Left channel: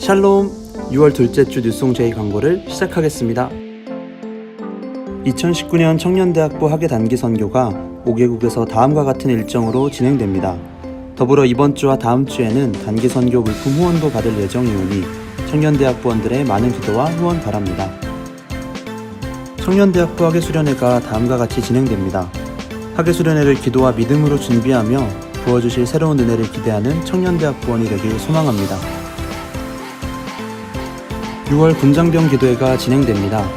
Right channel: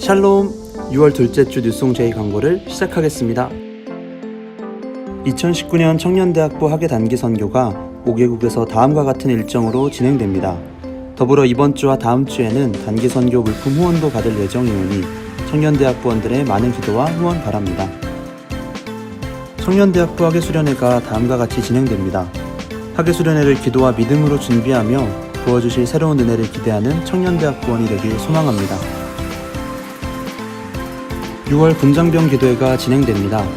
샬롬 6월 둘째 주 뉴송 제이 광고를 시작하겠습니다. 2019년 청년대학부 학예 단기 선교가 5개국에서 다음과 같은 일정으로 진행됩니다. 더불어 이번 주와 다음 주에는 단기 선교 물품 후원도 받을 예정이오니 청년대학부원들의 많은 기도와 후원 바랍니다. 청년대학부 학예 수련회가 다음과 같이 진행됩니다. 학예 수련회를 기도와 믿음으로 준비하며 부어주실 새로운 은혜를 기대하는 청년대학부원이 되길 소망합니다. 6월 군장병 기도회가 진행됩니다.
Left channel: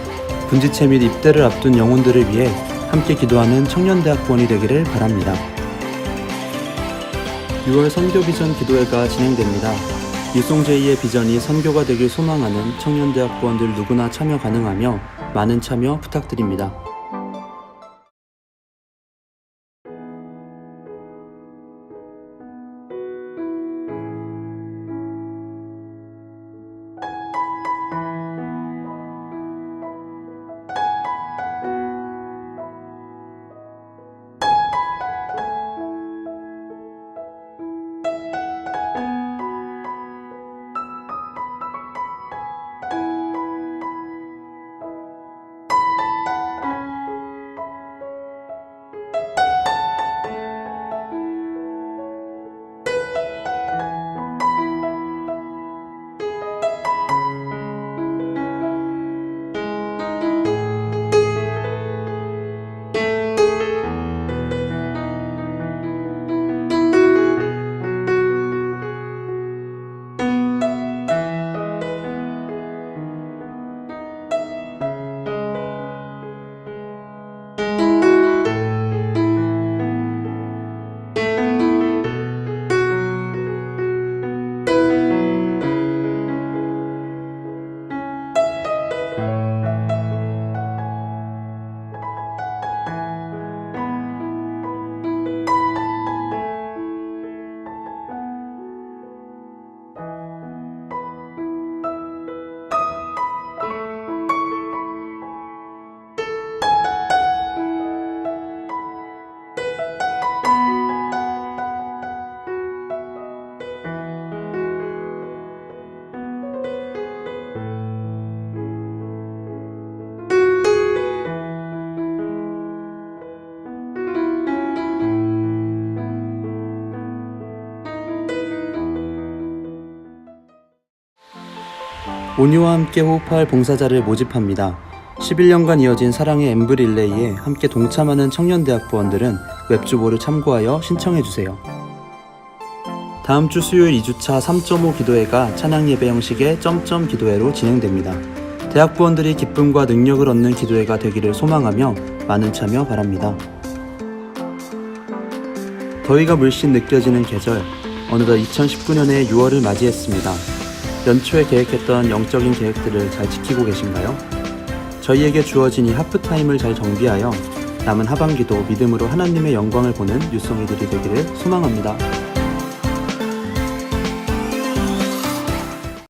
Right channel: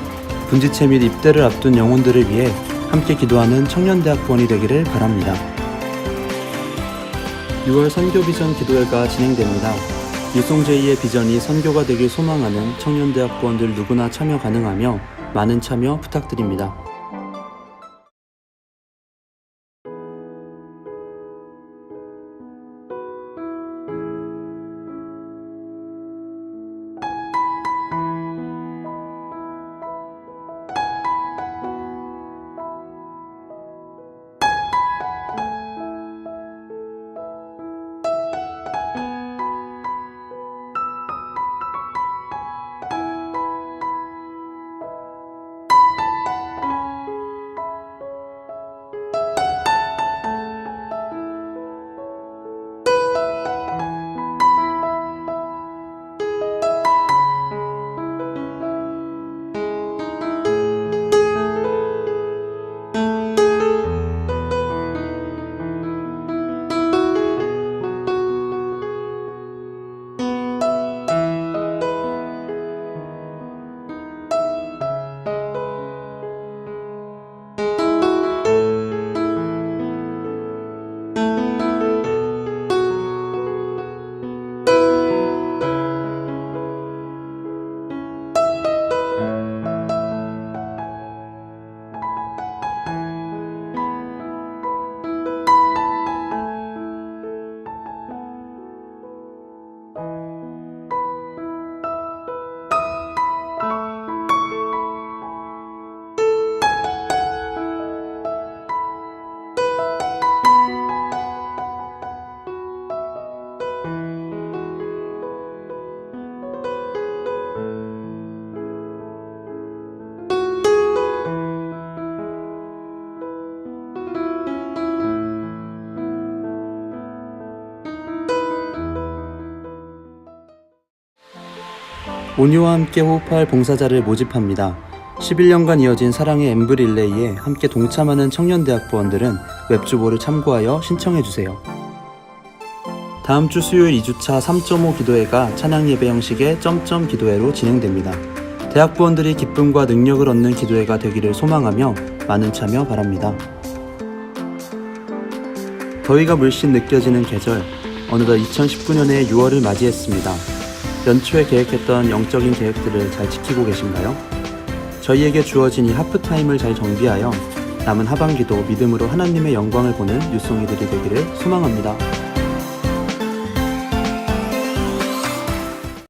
군지체 및 입대를 앞둔 영혼들을 위해 함께 기도하는 청년대학부원이 되기를 바랍니다. 6월 선교 비전 기도회가 진행됩니다. 유송제이의 비전이 선교가 되길 소망하는 청년대학부원들 누구나 참여 가능하며 많은 참여 부탁드립니다. 온유와 함께 호흡할 봉사자를 모집합니다. 11년간 이어진 사랑의 엠브릴레이에 함께 동참하는 청년대학부원들은 웹주보를 참고하여 신청해주세요. 다음 주 수요일 2주차 3.5 기도회가 찬양 예배 형식의 점점 기도회로 진행됩니다. 대학부원들이 기쁨과 능력을 얻는 기도회가 되기를 소망하며 많은 참여 바랍니다. 더위가 물씬 느껴지는 계절, 어느덧 2019년의 6월을 맞이했습니다. 연초에 계획했던 영적인 계획들을 잘 지키고 계신가요? 저희에게 주어진 이 하프타임을 잘 정비하여 남은 하반기도 믿음으로 하나님의 영광을 보는 유송이들이 되기를 소망합니다.